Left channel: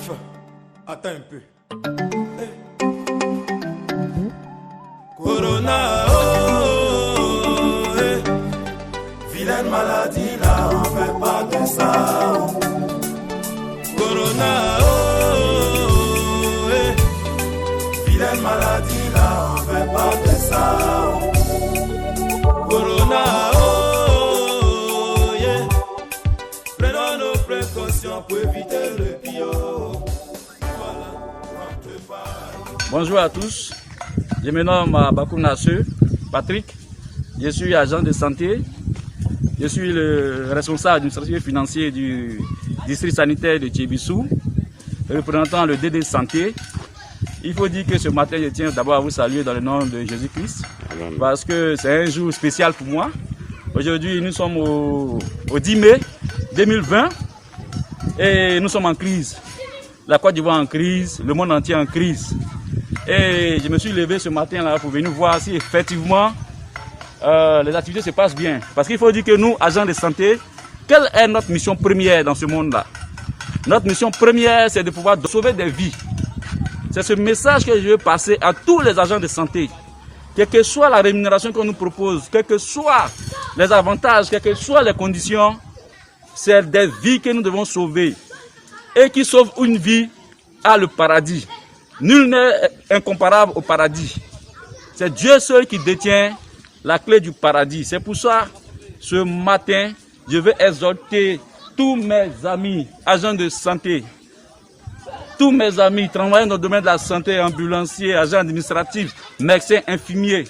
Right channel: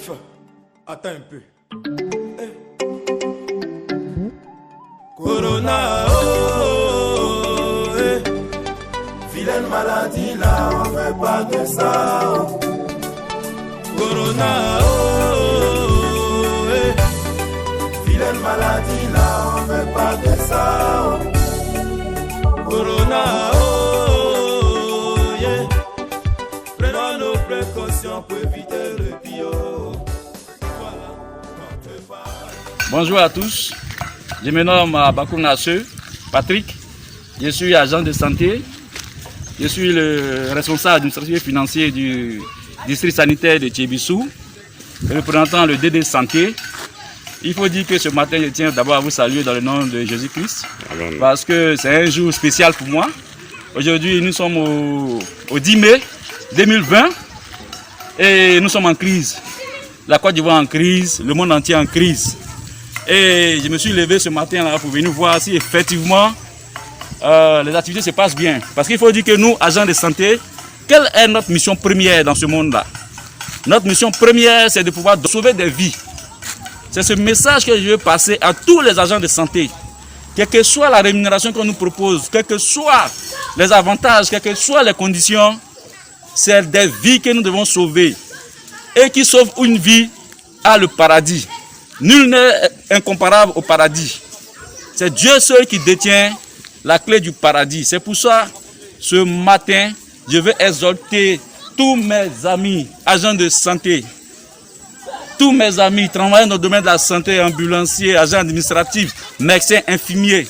Chef, attends un peu. Hey. Corona, oh, hey. Vilaine maladie là, on fait pas de ça. Corona, oh, hey. Vilaine maladie là, on fait pas de ça. Corona, oh, yeah. Prenons nos précautions pour éviter le pire. Voilà, on peut pas. Bonjour à tous, je me nomme Bakoum Nasseu, Patrick, je suis agent de santé, je suis le responsable administratif et financier du district sanitaire de Thiébissou, représentant le DD Santé. Il faut dire que ce matin, je tiens d'abord à vous saluer dans le nom de Jésus-Christ, parce que c'est un jour spécial pour moi. Aujourd'hui, nous sommes au 10 mai 2020 et nous sommes en crise. La Côte d'Ivoire en crise, le monde entier en crise. Et je me suis levé ce matin là pour venir voir si effectivement les activités se passent bien. Parce qu'il faut dire que nous, agents de santé, quelle est notre mission première dans ce monde-là? Notre mission première, c'est de pouvoir sauver des vies. C'est ce message que je veux passer à tous les agents de santé. Quelle que soit la rémunération qu'on nous propose, quels que soient les avantages, quelles que soient les conditions, c'est des vies que nous devons sauver. Et qui sauve une vie a le paradis. Nul n'est incomparable au paradis. C'est Dieu seul qui détient la clé du paradis. C'est pour ça, ce matin, je veux exhorter tous mes amis, agents de santé, tous mes amis travaillant dans le domaine de la santé, ambulanciers, agents administratifs, médecins, infirmiers,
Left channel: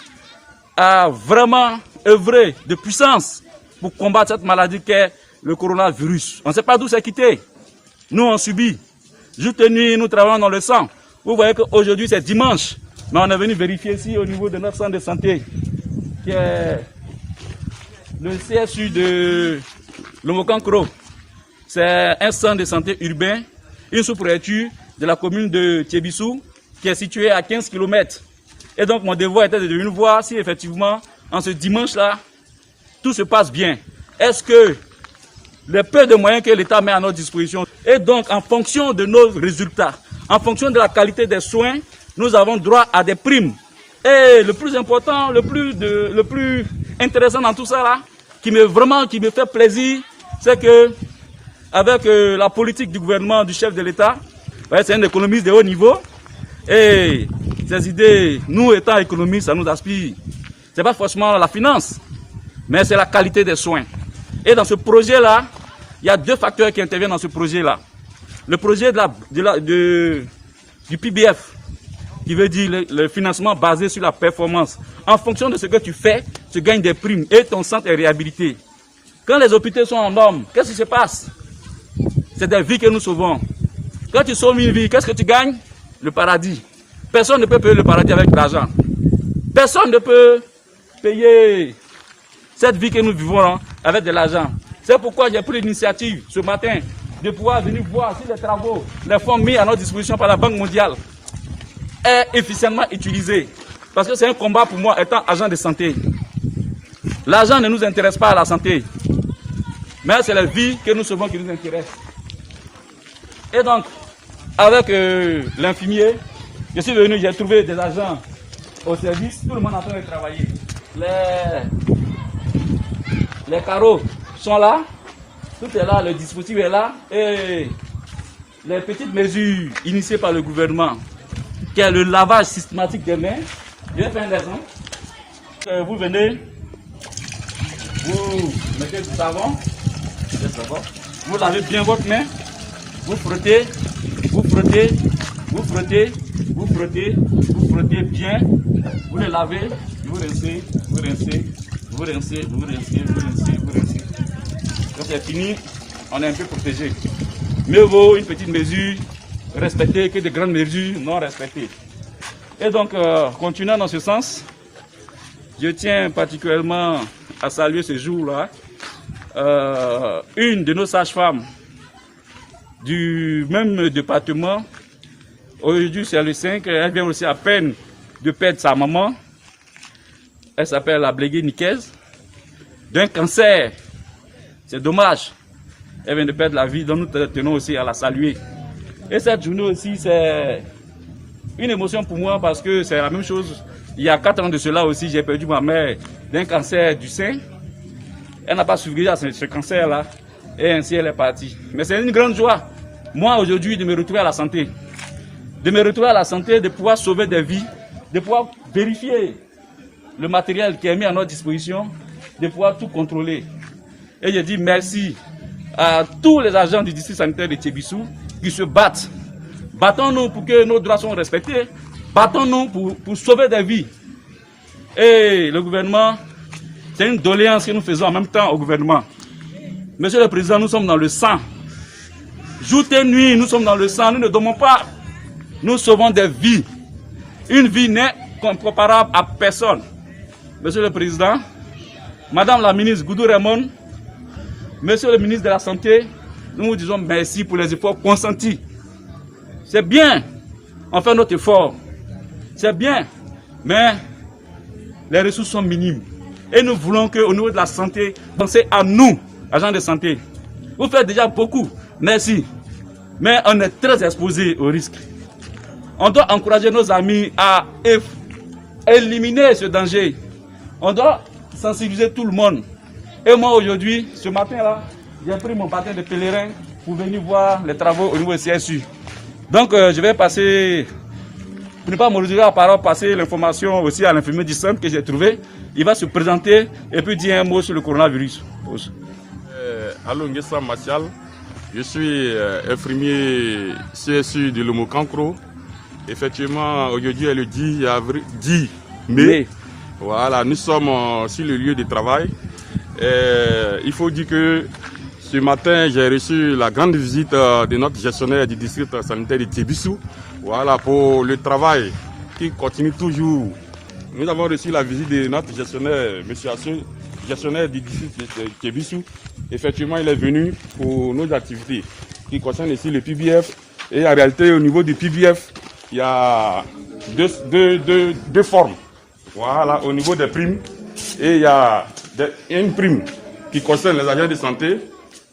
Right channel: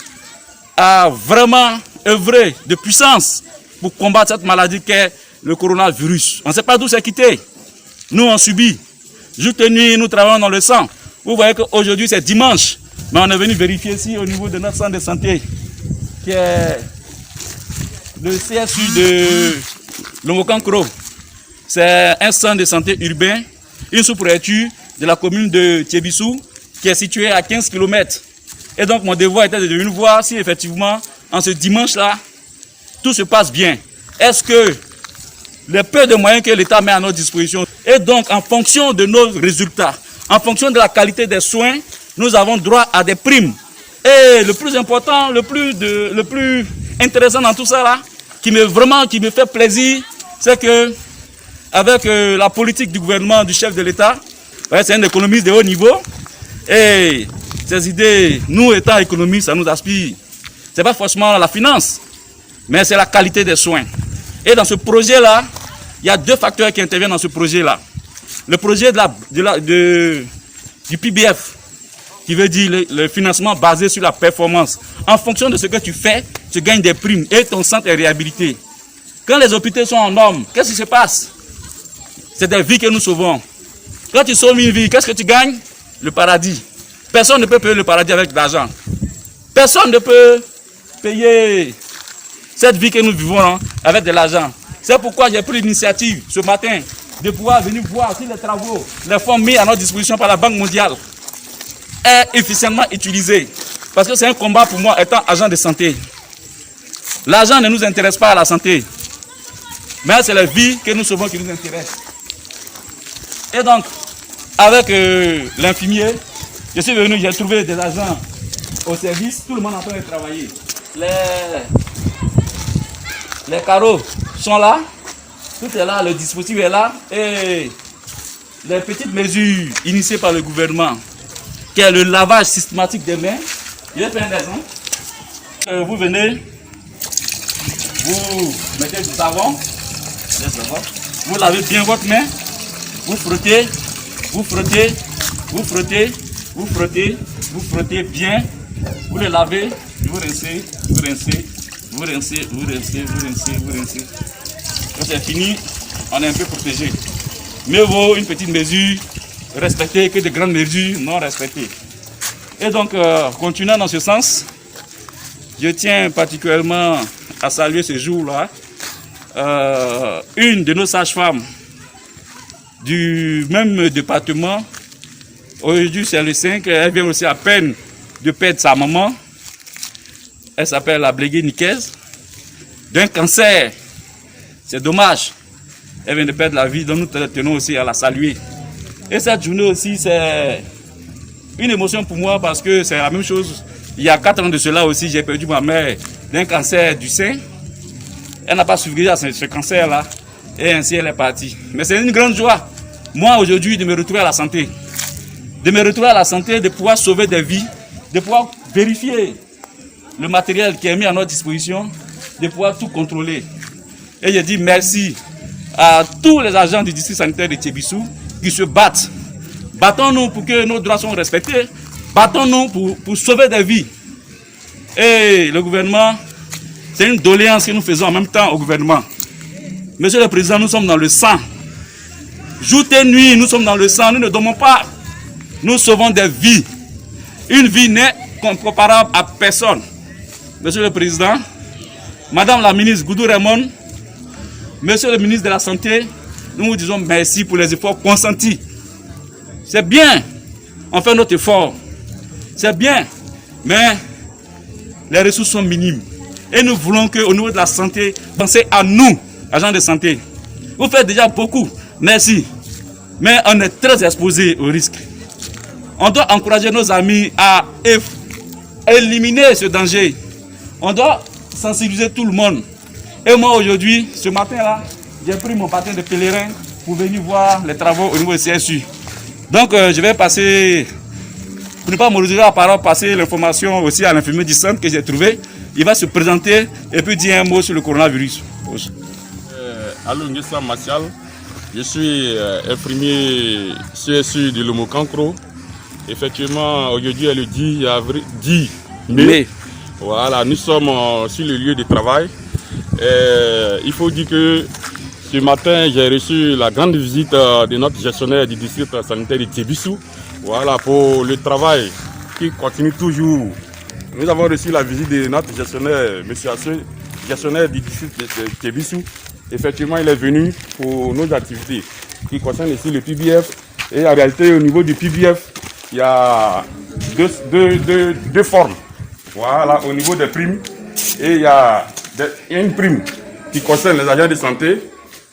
à vraiment œuvrer de puissance pour combattre cette maladie qu'est le coronavirus. On ne sait pas d'où c'est quitté. Nous, on subit. Jour et nuit, nous travaillons dans le sang. Vous voyez qu'aujourd'hui, c'est dimanche. Mais on est venu vérifier ici au niveau de notre centre de santé, qui est le CSU de Lomokankro. C'est un centre de santé urbain, une sous-préfecture de la commune de Thiébissou, qui est située à 15 km. Et donc, mon devoir était de venir voir si effectivement, en ce dimanche-là, tout se passe bien. Est-ce que les peu de moyens que l'État met à notre disposition, et donc en fonction de nos résultats, en fonction de la qualité des soins, nous avons droit à des primes. Et le plus important, le plus intéressant dans tout ça là, qui me fait plaisir, c'est que avec la politique du gouvernement, du chef de l'État, c'est un économiste de haut niveau, et ces idées, nous étant économistes, ça nous aspire. C'est pas forcément la finance, mais c'est la qualité des soins. Et dans ce projet-là, il y a deux facteurs qui interviennent dans ce projet-là. Le projet du PBF, qui veut dire le financement basé sur la performance. En fonction de ce que tu fais, tu gagnes des primes et ton centre est réhabilité. Quand les hôpitaux sont en norme, qu'est-ce qui se passe? C'est des vies que nous sauvons. Quand tu sauves une vie, qu'est-ce que tu gagnes? Le paradis. Personne ne peut payer le paradis avec l'argent. Personne ne peut payer cette vie que nous vivons avec de l'argent. C'est pourquoi j'ai pris l'initiative ce matin de pouvoir venir voir si les travaux, les fonds mis à notre disposition par la Banque mondiale est efficacement utilisé. Parce que c'est un combat pour moi étant agent de santé. L'argent ne nous intéresse pas à la santé. Mais c'est la vie que nous sauvons qui nous intéresse. Et donc, avec l'infirmier, je suis venu, j'ai trouvé des agents au service, tout le monde est en train de travailler. Les carreaux sont là, tout est là, le dispositif est là, et les petites mesures initiées par le gouvernement, qui est le lavage systématique des mains. Je vais faire un exemple. Vous venez, vous mettez du savon, vous lavez bien votre main, vous frottez, vous frottez, vous frottez, vous frottez, vous frottez bien, vous le lavez, vous rincez, vous rincez, vous rincez, vous rincez, vous rincez, vous rincez. Quand c'est fini, on est un peu protégé. Mieux vaut une petite mesure respectée que de grandes mesures non respectées. Et donc, continuant dans ce sens, je tiens particulièrement à saluer ce jour-là une de nos sages-femmes du même département. Aujourd'hui, c'est le 5, elle vient aussi à peine de perdre sa maman. Elle s'appelle la Blégué Nicaise, d'un cancer. C'est dommage. Elle vient de perdre la vie, donc nous tenons aussi à la saluer. Et cette journée aussi, c'est une émotion pour moi parce que c'est la même chose. Il y a 4 ans de cela aussi, j'ai perdu ma mère d'un cancer du sein. Elle n'a pas survécu à ce cancer-là et ainsi elle est partie. Mais c'est une grande joie, moi aujourd'hui, de me retrouver à la santé. De me retrouver à la santé, de pouvoir sauver des vies, de pouvoir vérifier le matériel qui est mis à notre disposition, de pouvoir tout contrôler. Et je dis merci à tous les agents du district sanitaire de Thiébissou qui se battent. Battons-nous pour que nos droits soient respectés. Battons-nous pour sauver des vies. Et le gouvernement, c'est une doléance que nous faisons en même temps au gouvernement. Monsieur le Président, nous sommes dans le sang. Jour et nuit, nous sommes dans le sang. Nous ne dormons pas. Nous sauvons des vies. Une vie n'est comparable à personne. Monsieur le Président, Madame la ministre Goudou Raymond, Monsieur le ministre de la Santé, nous vous disons merci pour les efforts consentis. C'est bien, on fait notre effort. C'est bien, mais les ressources sont minimes. Et nous voulons qu'au niveau de la santé, pensez à nous, agents de santé. Vous faites déjà beaucoup, merci. Mais on est très exposé au risque. On doit encourager nos amis à éliminer ce danger. On doit sensibiliser tout le monde. Et moi aujourd'hui, ce matin-là, j'ai pris mon patin de pèlerin pour venir voir les travaux au niveau du CSU. Donc je vais passer, pour ne pas me réserver à parole, passer l'information aussi à l'infirmier du centre que j'ai trouvé. Il va se présenter et puis dire un mot sur le coronavirus. Allô, Nguessa Martial, je suis infirmier CSU de Lomokankro. Effectivement, aujourd'hui est le 10 mai. Voilà, nous sommes sur le lieu de travail. Il faut dire que ce matin, j'ai reçu la grande visite de notre gestionnaire du district sanitaire de Thiébissou. Voilà, pour le travail qui continue toujours. Nous avons reçu la visite de notre gestionnaire, M. Asseux, gestionnaire du district de Thiébissou. Effectivement, il est venu pour nos activités qui concernent ici le PBF. Et en réalité, au niveau du PBF, il y a deux formes. Voilà, au niveau des primes. Et il y a une prime qui concerne les agents de santé.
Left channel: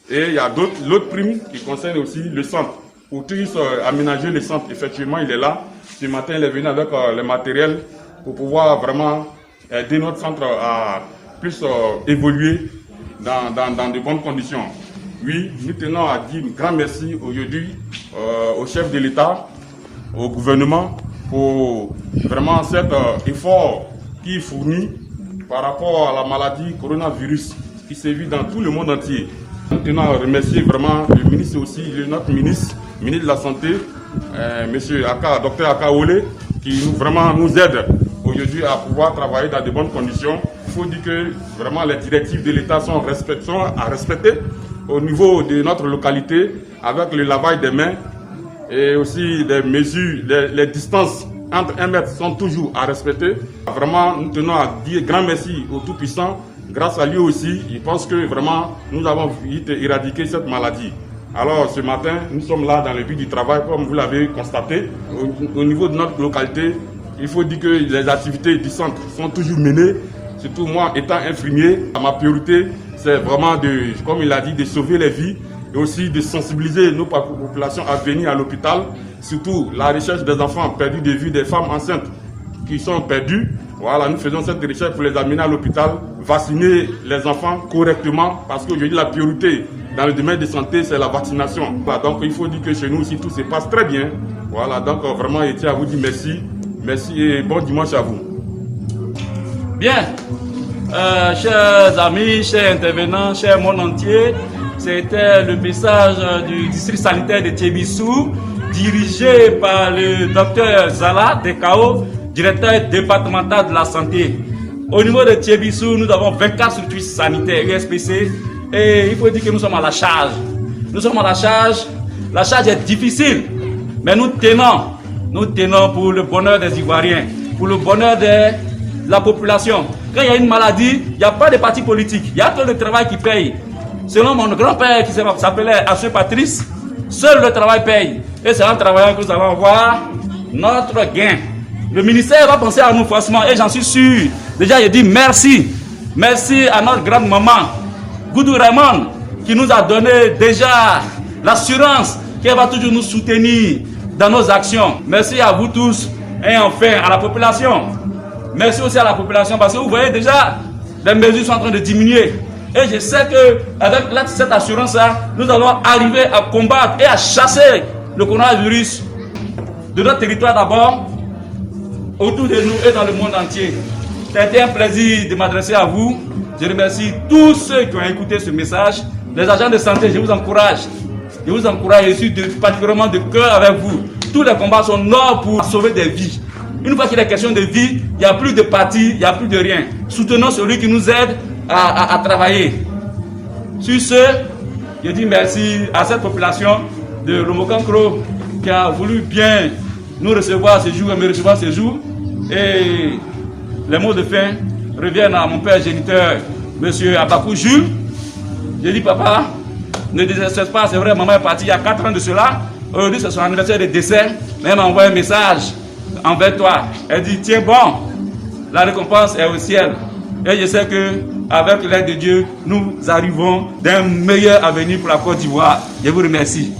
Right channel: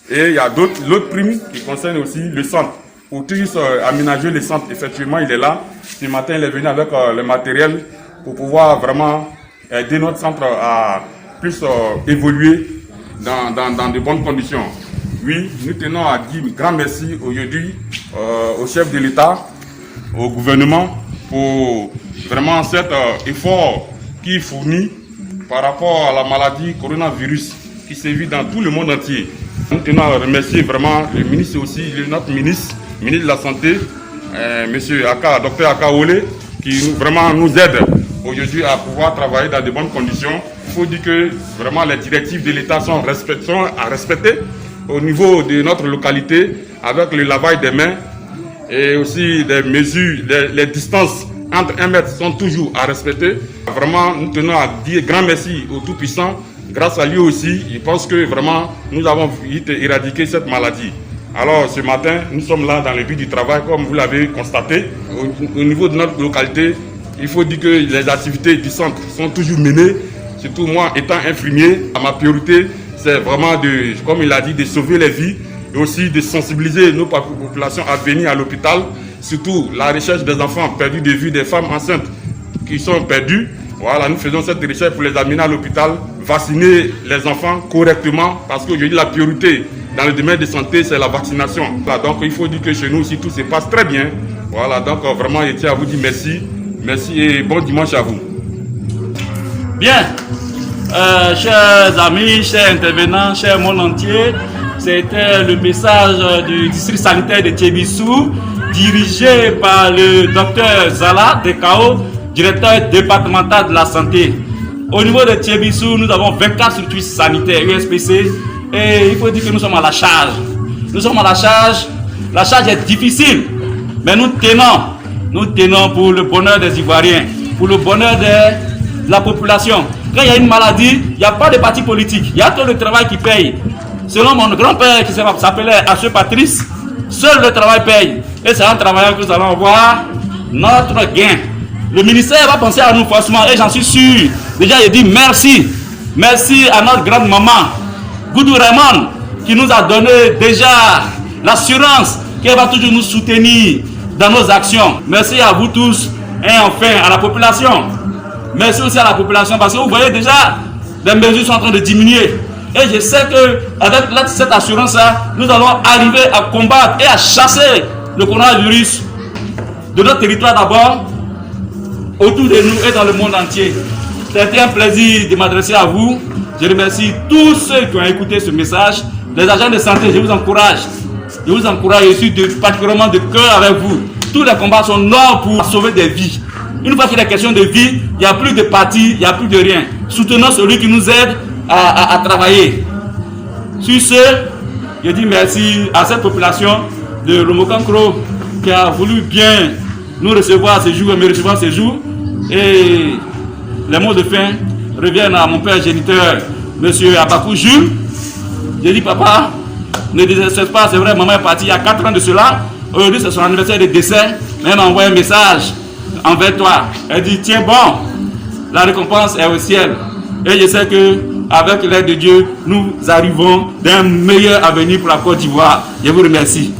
Et il y a l'autre prime qui concerne aussi le centre. Pour tous aménager le centre, effectivement, il est là. Ce matin, il est venu avec le matériel pour pouvoir vraiment aider notre centre à plus évoluer dans de bonnes conditions. Oui, nous tenons à dire un grand merci aujourd'hui au chef de l'État, au gouvernement, pour vraiment cet effort qui est fourni par rapport à la maladie coronavirus qui sévit dans tout le monde entier. Nous tenons à remercier vraiment le ministre aussi, notre ministre de la Santé, monsieur Dr Aka Ole, qui vraiment nous aide aujourd'hui à pouvoir travailler dans de bonnes conditions. Il faut dire que vraiment les directives de l'État sont à respecter au niveau de notre localité avec le lavage des mains et aussi des mesures, les distances entre 1 mètre sont toujours à respecter. Vraiment, nous tenons à dire grand merci au Tout-Puissant. Grâce à lui aussi, je pense que vraiment nous avons vite éradiqué cette maladie. Alors ce matin, nous sommes là dans le but du travail, comme vous l'avez constaté. Au niveau de notre localité, il faut dire que les activités du centre sont toujours menées. Surtout moi, étant infirmier, ma priorité, c'est vraiment, comme il a dit, de sauver les vies et aussi de sensibiliser nos populations à venir à l'hôpital. Surtout la recherche des enfants perdus de vue, des femmes enceintes qui sont perdues. Voilà, nous faisons cette recherche pour les amener à l'hôpital, vacciner les enfants correctement, parce qu'aujourd'hui la priorité dans le domaine de santé, c'est la vaccination. Voilà, donc il faut dire que chez nous aussi tout se passe très bien. Voilà, donc vraiment je tiens à vous dire merci. Merci et bon dimanche à vous. Bien, chers amis, chers intervenants, chers monde entier, c'était le message du district sanitaire de Thiébissou, dirigé par le docteur Zala Dekao, directeur départemental de la santé. Au niveau de Thiébissou, nous avons 24 structures sanitaires USPC et il faut dire que nous sommes à la charge. Nous sommes à la charge. La charge est difficile, mais nous tenons pour le bonheur des Ivoiriens, pour le bonheur de la population. Quand il y a une maladie, il n'y a pas de parti politique, il y a tout le travail qui paye. Selon mon grand-père qui s'appelait Asseux Patrice, seul le travail paye. Et c'est en travaillant que nous allons voir notre gain. Le ministère va penser à nous forcément et j'en suis sûr. Déjà, je dis merci. Merci à notre grande maman, Goudou Raymond, qui nous a donné déjà l'assurance qu'elle va toujours nous soutenir dans nos actions. Merci à vous tous et enfin à la population. Merci aussi à la population parce que vous voyez déjà, les mesures sont en train de diminuer. Et je sais qu'avec cette assurance-là, nous allons arriver à combattre et à chasser le coronavirus de notre territoire d'abord, autour de nous et dans le monde entier. C'était un plaisir de m'adresser à vous. Je remercie tous ceux qui ont écouté ce message. Les agents de santé, je vous encourage. Je suis particulièrement de cœur avec vous. Tous les combats sont là pour sauver des vies. Une fois qu'il est question de vie, il n'y a plus de parti, il n'y a plus de rien. Soutenons celui qui nous aide à travailler. Sur ce, je dis merci à cette population de Lomokankro qui a voulu bien nous recevoir ce jour et me recevoir ce jour. Et les mots de fin reviennent à mon père géniteur, M. Abakou Jules. Je dis, papa, ne désespère pas, c'est vrai, maman est partie il y a 4 ans de cela. Aujourd'hui, c'est son anniversaire de décès. Elle m'a envoyé un message envers toi. Elle dit, tiens bon, la récompense est au ciel. Et je sais que avec l'aide de Dieu, nous arrivons d'un meilleur avenir pour la Côte d'Ivoire. Je vous remercie.